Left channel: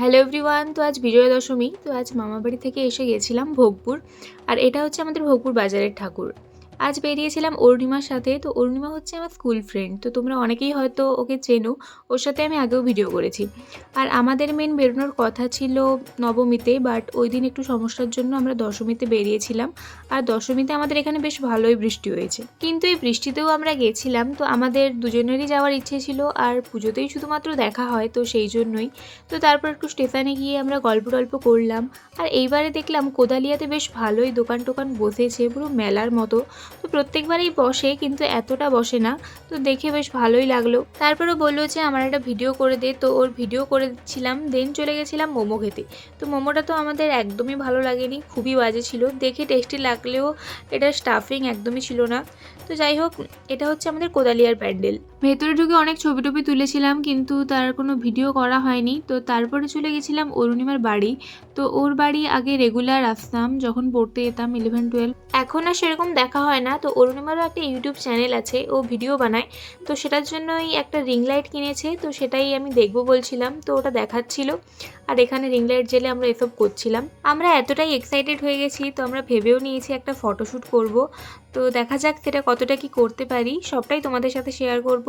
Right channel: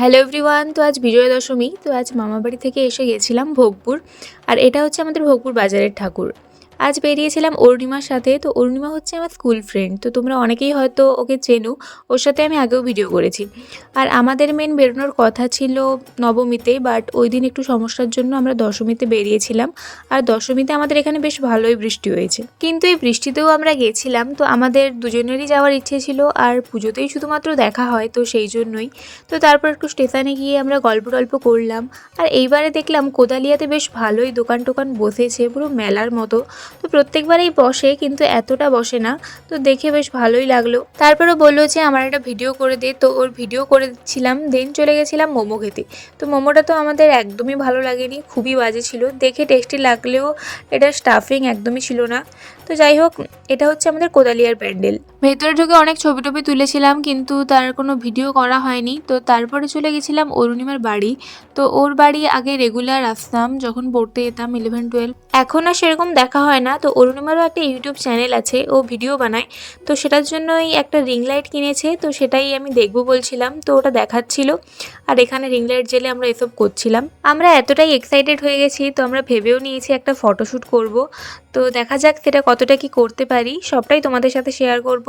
Hello everyone. তো আজ বিজয়া দশমী। তো আজ মামাবাড়ি থেকে এসে গেছিলাম ভোগপুর। আর এটা হচ্ছে আমাদের ভোগপুর বাজারের ঠাকুর। আজ বেরিয়েছিলাম অরুণিমার সাথে। তো অরুণিমা হচ্ছে আমার স্কুল ফ্রেন্ড। তো তোমরা অনেকেই হয়তো ওকে চেনো। ওর সাথে আমি আগেও ভিডিও করেছি। আর আমাদের মেন বেরোনোর কথা ছিল নবমীতে, বাট ওই দিন একটু সমস্যার জন্য আমরা দশমীতে বেরিয়েছিলাম। আর দশমীতে আমাদের এখানে বেশ ভালোই বৃষ্টি হয়েছে, কিন্তু এই বৃষ্টিতেও আমরা গেছিলাম। তো আমাদের দুজনেরই যাওয়ার ইচ্ছে ছিল, আর পুজোতেই শুধুমাত্র দেখা হয়, তো সেই জন্যই। তো তারপর একটু স্টেশনে গিয়ে আমরা গল্প টল্প করলাম। আর এইবারে দেখলাম কোদালিয়াতে বেশ ভালোই দোকান টোকান বসেছে, পুরো মেলার মতো। তো প্রত্যেকবারেই বসে, কিন্তু এতটা বসে না। তো দেখে বেশ ভালোই লাগলো। তারপরে বললো যে আমার একটা ভিডিও করে দে। তো ওর ভিডিও করে দিচ্ছিলাম, দেন চলে গেছিলাম মোমো খেতে। তো মোমোটা তো আমাদের একদমই ভালো লাগেনি, খুবই বাজে ছিল। দেখে টেস্টি লাগলেও এটা স্টাফিং একদমই ছিল না। তো যাই হোক, এটা হচ্ছে আমাদের কোদালিয়ার প্যান্ডেল। ভেতরে ঢুকে অনেক ছবি টবি তুলেছিলাম, কিন্তু তার কোনো ভিডিও করা হয়নি। তো তারপরে চলে গেছিলাম অরুণিমার বাড়ি। তো ওর বাড়ি আগে রেগুলার আসতাম যখন পড়তে যেতাম 11-12। এখন আর সেরকম দেখা হয় না। তো অরুণিমারও একটা ইউটিউব চ্যানেল আছে, ও ভিডিও বানায়। তো সেটার জন্যই একটা রিং লাইট কিনেছে, তো সেটাই আমি দেখবো বলছিলাম। তো ওটা দেখাচ্ছিল। আর এখানে রিং লাইট জেলে আমরা এসব করছিলাম। আমরা এতটাই এক্সাইটেড হয়ে গেছি, তো আমরা ভেবেও নিয়েছি একটা ফটোশ্যুট করব। তো দেখা যাক সেটা কতটা কি করতে পারি, সবটাই তোমাদের সাথে শেয়ার করব।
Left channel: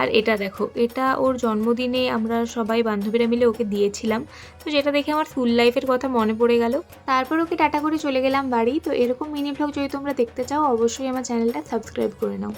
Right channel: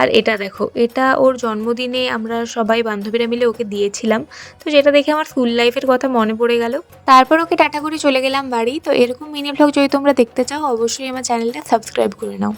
আর এটা দেখো, এটা ওর জন্মদিনে আমরা সবাই বান্ধবীরা মিলে ওকে দিয়েছিলাম। তো যেটা দেখে আমার স্কুল লাইফের কথা মনে পড়ে গেল। তারপর ওকে টাটা করে চলে গেলাম বাড়ি। তো এরকম মিনি ভ্লগ যদি তোমরা দেখতে চাও, অবশ্যই আমার চ্যানেলটা সাবস্ক্রাইব করে নাও।